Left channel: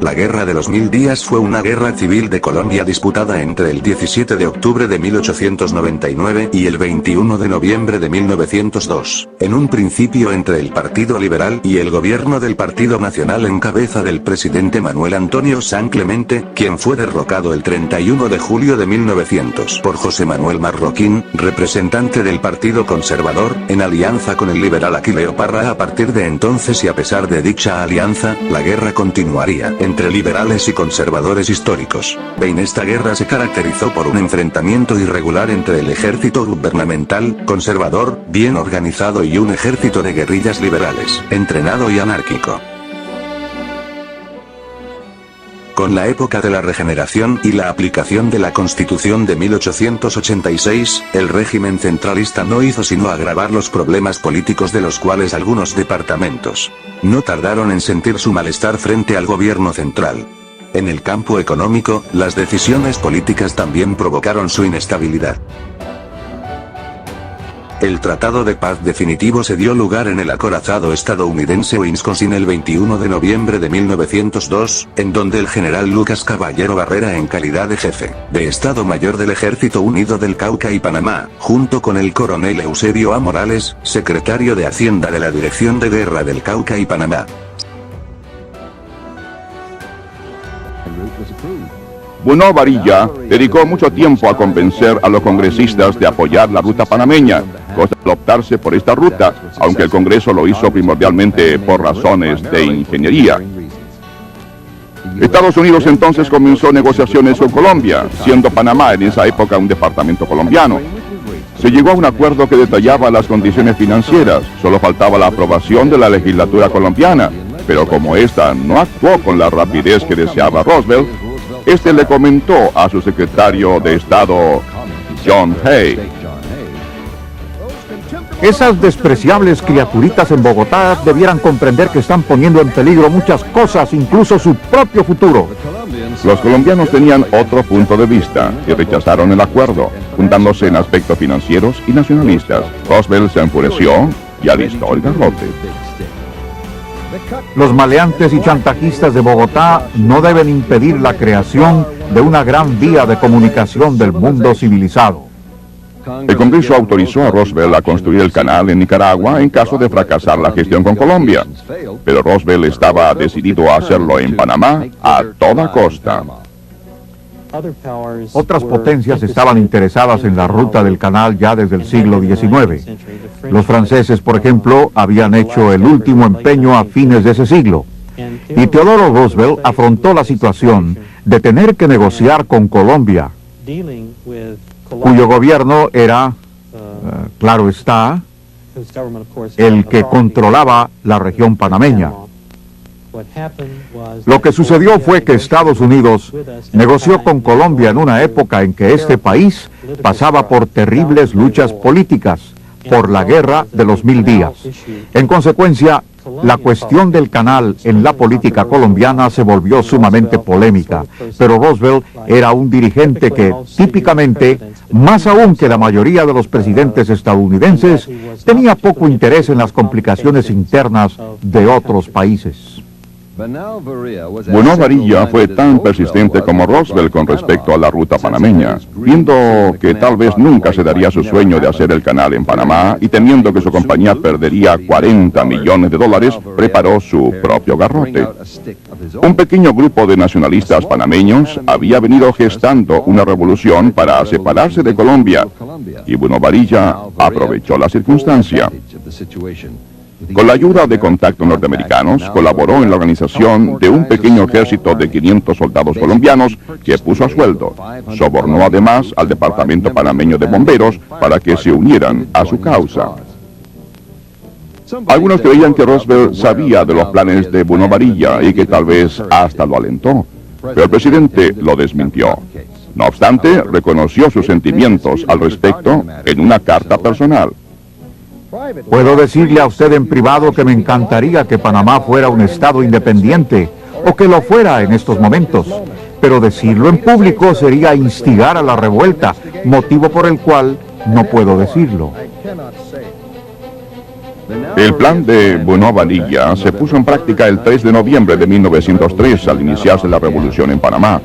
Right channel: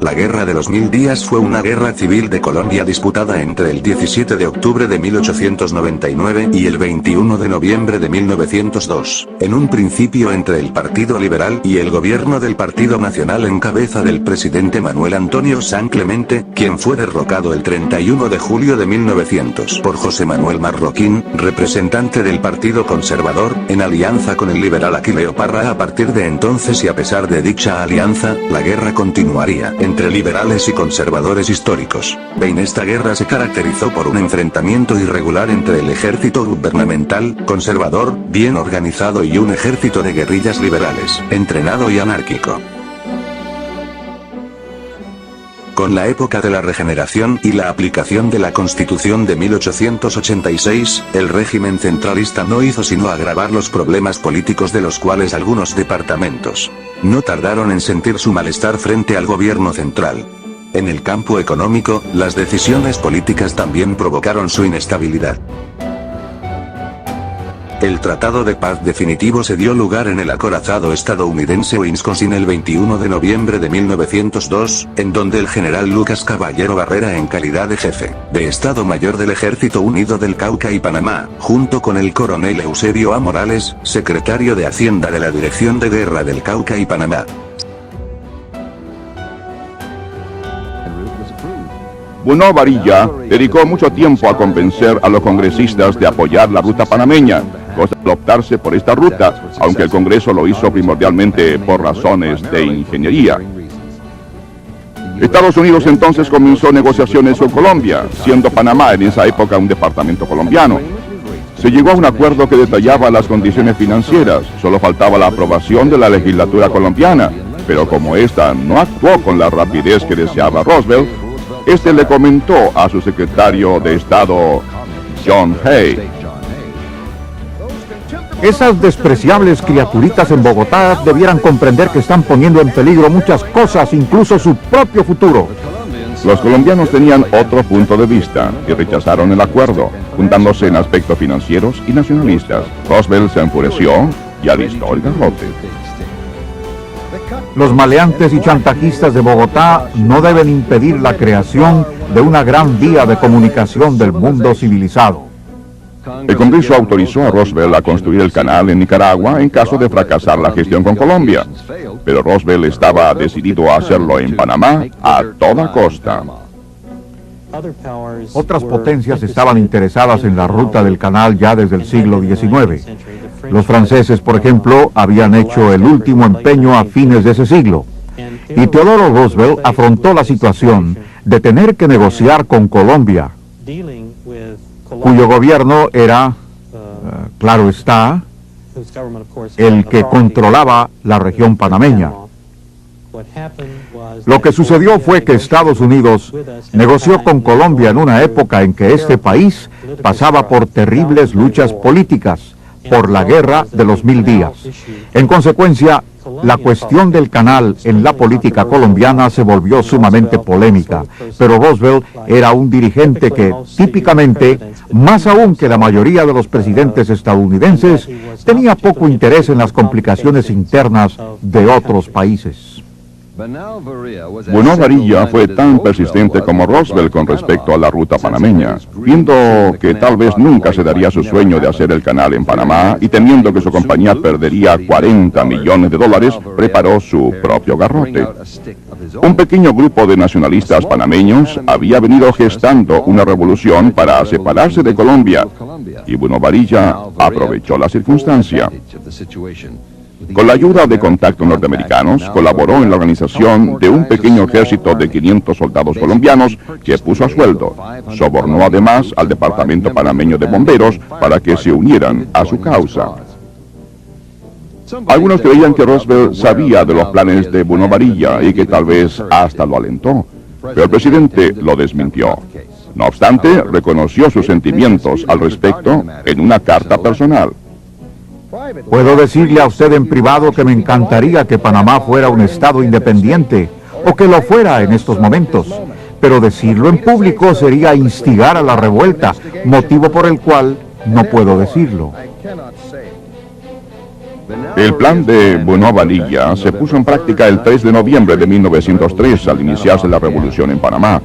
La Guerra de los 1000 días fue una guerra civil de Colombia disputada entre el 17 de octubre de 1899 y el 21 de noviembre de 1902, en un principio entre el Partido Liberal y el gobierno del Partido Nacional en cabeza del presidente Manuel Antonio San Clemente, quien fue derrocado el 31 de julio de 1900 por José Manuel Marroquín, representante del Partido Conservador, en alianza con el liberal Aquileo Parra. A partir de entonces y a pesar de dicha alianza, la guerra continuaría entre liberales y conservadores históricos. En esta guerra se caracterizó por un enfrentamiento irregular entre el ejército gubernamental, conservador, bien organizado y un ejército de guerrillas liberales, entrenado y anárquico. Con la época de la regeneración y la aplicación de la Constitución de 1886, el régimen centralista no hizo sino agravar los problemas políticos de los cuales algunos departamentos no tardaron en sentir su malestar frente al gobierno central. En el campo económico, las decisiones políticas también provocaron su inestabilidad. El Tratado de Paz definitivo se dio lugar en el acorazado estadounidense Wisconsin el 21 de noviembre de 1902, en donde el general Lucas Caballero Barrera, en calidad de jefe de Estado Mayor del Ejército Unido del Cauca y Panamá, junto con el coronel Eusebio A. Morales, secretario de Hacienda de la Dirección de Guerra del Cauca y Panamá, Bruno Varilla dedicó mucho tiempo a convencer a los congresistas de apoyar la ruta panameña, cosa de optarse por esta ruta, aunque el Congreso lo hizo primordialmente por razones de ingeniería. Estados Unidos entonces comenzó negociaciones con Colombia, siendo Panamá en esa época un departamento colombiano. Se llegó a un acuerdo que detallaba las condiciones financieras, solo faltaba la aprobación de la legislatura colombiana, pero como esta no actuó con la rapidez que deseaba Roosevelt, este le comentó a su secretario de Estado, John Hay: esas despreciables criaturitas en Bogotá debieran comprender que están poniendo en peligro muchas cosas, incluso su propio futuro. Los colombianos tenían otro punto de vista y rechazaron el acuerdo, juntándose en aspectos financieros y nacionalistas. Roosevelt se enfureció y alistó el garrote. Los maleantes y chantajistas de Bogotá no deben impedir la creación de una gran vía de comunicación del mundo civilizado. El Congreso autorizó a Roosevelt a construir el canal en Nicaragua en caso de fracasar la gestión con Colombia, pero Roosevelt estaba decidido a hacerlo en Panamá a toda costa. Otras potencias estaban interesadas en la ruta del canal ya desde el siglo XIX. Los franceses, por ejemplo, habían hecho el último empeño a fines de ese siglo. Y Theodore Roosevelt afrontó la situación de tener que negociar con Colombia, cuyo gobierno era, claro está, el que controlaba la región panameña. Lo que sucedió fue que Estados Unidos negoció con Colombia en una época en que este país pasaba por terribles luchas políticas, por la Guerra de los 1000 días. En consecuencia, la cuestión del canal en la política colombiana se volvió sumamente polémica, pero Roosevelt era un dirigente que, típicamente, más aún que la mayoría de los presidentes estadounidenses, tenía poco interés en las complicaciones internas de otros países. Bruno Varilla fue tan persistente como Roosevelt con respecto a la ruta panameña. Viendo que tal vez nunca se daría su sueño de hacer el canal en Panamá y temiendo que su compañía perdería $40 millones, preparó su propio garrote. Un pequeño grupo de nacionalistas panameños había venido gestando una revolución para separarse de Colombia, y Bruno Varilla aprovechó la circunstancia. Con la ayuda de contactos norteamericanos, colaboró en la organización de un pequeño ejército de 500 soldados colombianos que puso a sueldo. Sobornó además al Departamento Panameño de Bomberos para que se unieran a su causa. Algunos creían que Roosevelt sabía de los planes de Bruno Varilla y que tal vez hasta lo alentó, pero el presidente lo desmintió. No obstante, reconoció sus sentimientos al respecto en una carta personal. Puedo decirle a usted en privado que me encantaría que Panamá fuera un estado independiente, o que lo fuera en estos momentos, pero decirlo en público sería instigar a la revuelta, motivo por el cual no puedo decirlo. El plan de Bonifacio se puso en práctica el 3 de noviembre de 1903 al iniciarse la revolución en Panamá.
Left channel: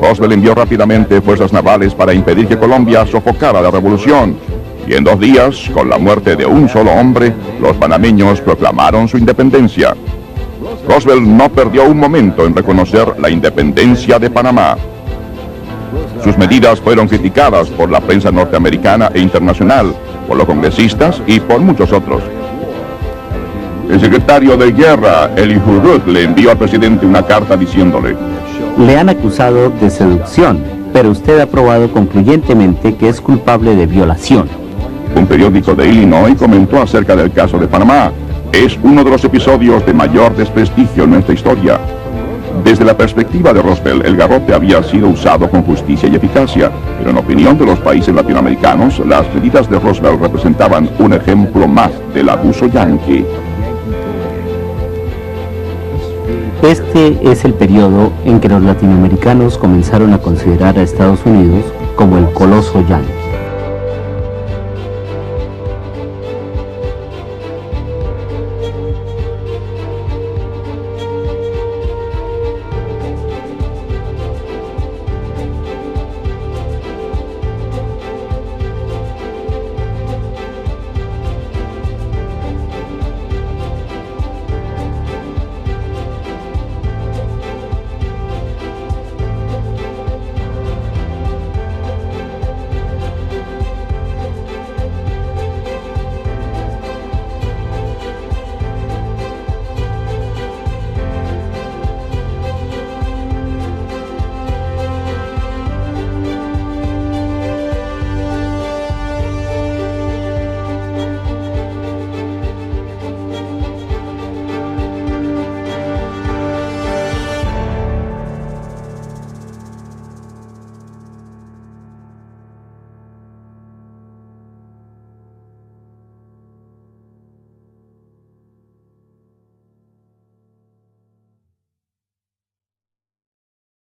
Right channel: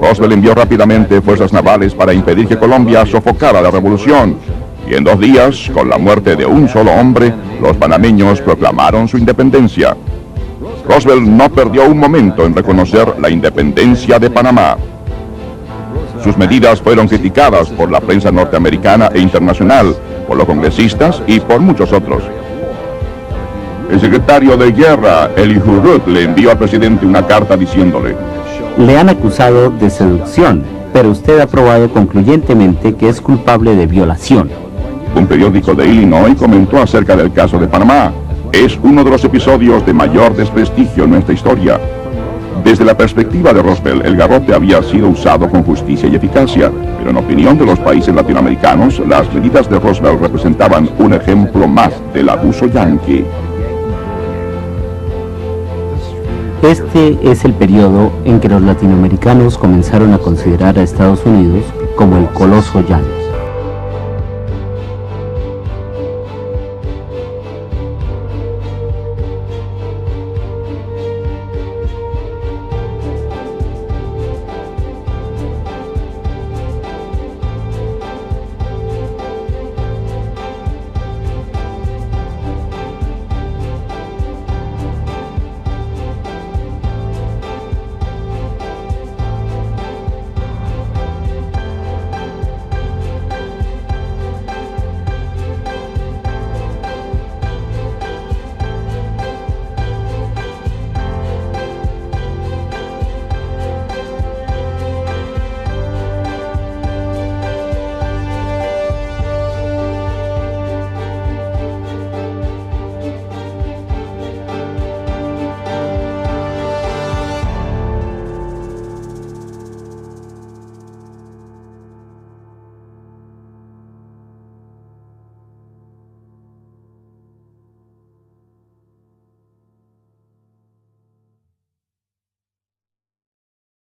Roosevelt envió rápidamente fuerzas navales para impedir que Colombia sofocara la revolución. Y en 2 días, con la muerte de un solo hombre, los panameños proclamaron su independencia. Roosevelt no perdió un momento en reconocer la independencia de Panamá. Sus medidas fueron criticadas por la prensa norteamericana e internacional, por los congresistas y por muchos otros. El secretario de Guerra, Elihu Root, le envió al presidente una carta diciéndole: le han acusado de seducción, pero usted ha probado concluyentemente que es culpable de violación. Un periódico de Illinois comentó acerca del caso de Panamá: es uno de los episodios de mayor desprestigio en nuestra historia. Desde la perspectiva de Roosevelt, el garrote había sido usado con justicia y eficacia, pero en opinión de los países latinoamericanos, las medidas de Roosevelt representaban un ejemplo más del abuso yanqui. Este es el periodo en que los latinoamericanos comenzaron a considerar a Estados Unidos como el coloso yanqui.